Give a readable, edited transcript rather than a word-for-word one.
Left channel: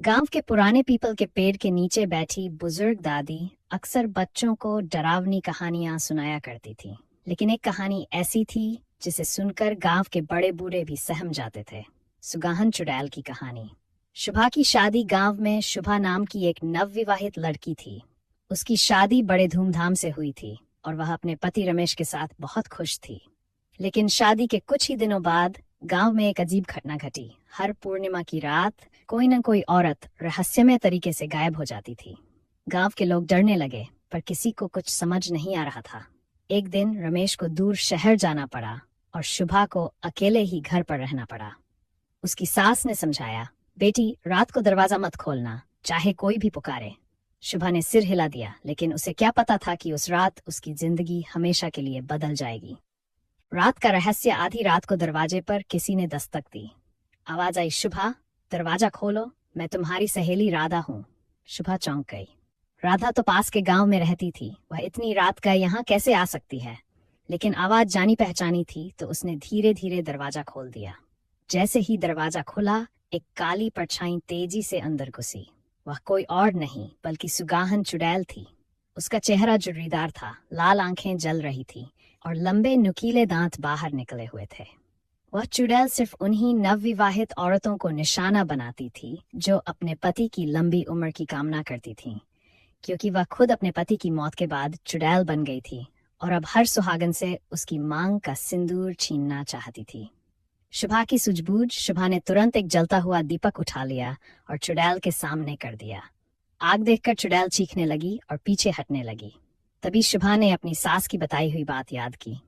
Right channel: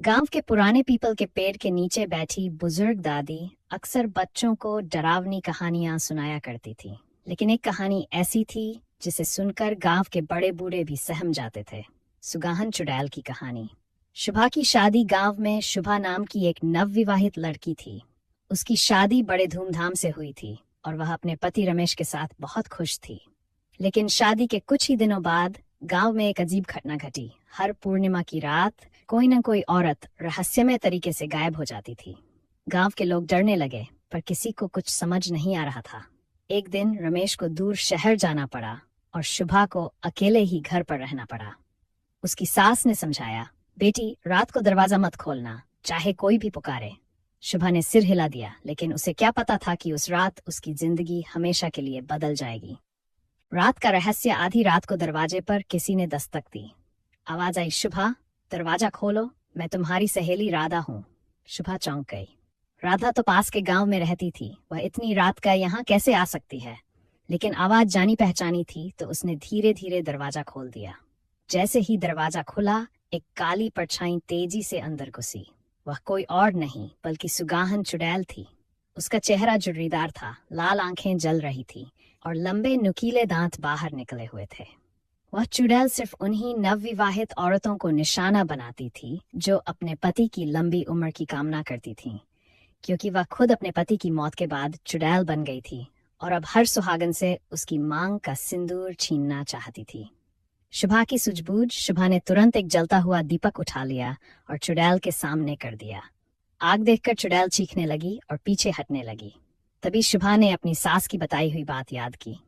गांव के पुराने पीपल के पेड़ के नीचे बैठी बुजुर्ग दादी अक्सर बच्चों को डरावनी कहानियां सुनाया करती थी। लेकिन एक कहानी ऐसी थी जिसे सुनकर गांव के बड़े बूढ़े भी सहम जाते थे। सुगाहन चुड़ैल की कहानी। शुभा की शादी गांव में शुभा नाम की एक नवविवाहित लड़की थी। उसकी शादी बड़े धूमधाम से हुई थी और वह अपने पति रमेश के साथ बहुत खुश थी। लेकिन शादी के कुछ ही दिनों बाद गांव में एक अजीब घटना घटी। हर पूर्णिमा की रात कोई न कोई औरत रहस्यमय तरीके से गायब हो जाती थी। गांव के लोग डरने लगे, पर किसी को कुछ समझ नहीं आ रहा था। एक दिन रमेश को दूर शहर जाना पड़ा और शुभा को अकेले ही घर पर रहना पड़ा। उसकी सास ने समझाया, बेटी रात को दरवाजा मत खोलना, चाहे कोई भी पुकारे। शुभा ने सिर हिला दिया, लेकिन उसे क्या पता था कि उस रात उसकी जिंदगी हमेशा के लिए बदल जाएगी। रात का रहस्य। आधी रात को दरवाजे पर किसी ने दस्तक दी। आवाज आई, शुभा दरवाजा खोलो, मैं तुम्हारी सहेली राधा हूँ। शुभा चौंक गई। राधा तो पास के गांव में रहती थी, वह इतनी रात का यहाँ कैसे आ सकती है? लेकिन आवाज जानी पहचानी थी, तो उसने धीरे धीरे दरवाजा खोल दिया। जैसे ही दरवाजा खुला, एक काली परछाई तेजी से अंदर घुसी। वह कोई और नहीं बल्कि सुगाहन चुड़ैल थी। उसका चेहरा जुर्रीदार था, लाल आंखें जल रही थी और लंबे नुकीले दांत बाहर निकले हुए थे। वह चुड़ैल सिर्फ उन्हीं नवविवाहित औरतों को निशाना बनाती थी जो अपने पति की लंबी उम्र की कामना करती थीं, क्योंकि वह खुद अपने पति की मौत के बाद चुड़ैल बन गई थी और अब हर सुहागन से उसकी मांग का सिंदूर छीनना चाहती थी। शुभा की सूझबूझ। शुभा ने तुरंत एक जलता हुआ दीपक उठा लिया और चुड़ैल के सामने कर दिया। आग देखकर चुड़ैल चीखने लगी और पीछे हटने लगी। तभी शुभा ने अपनी सास की बताई हुई बात याद की।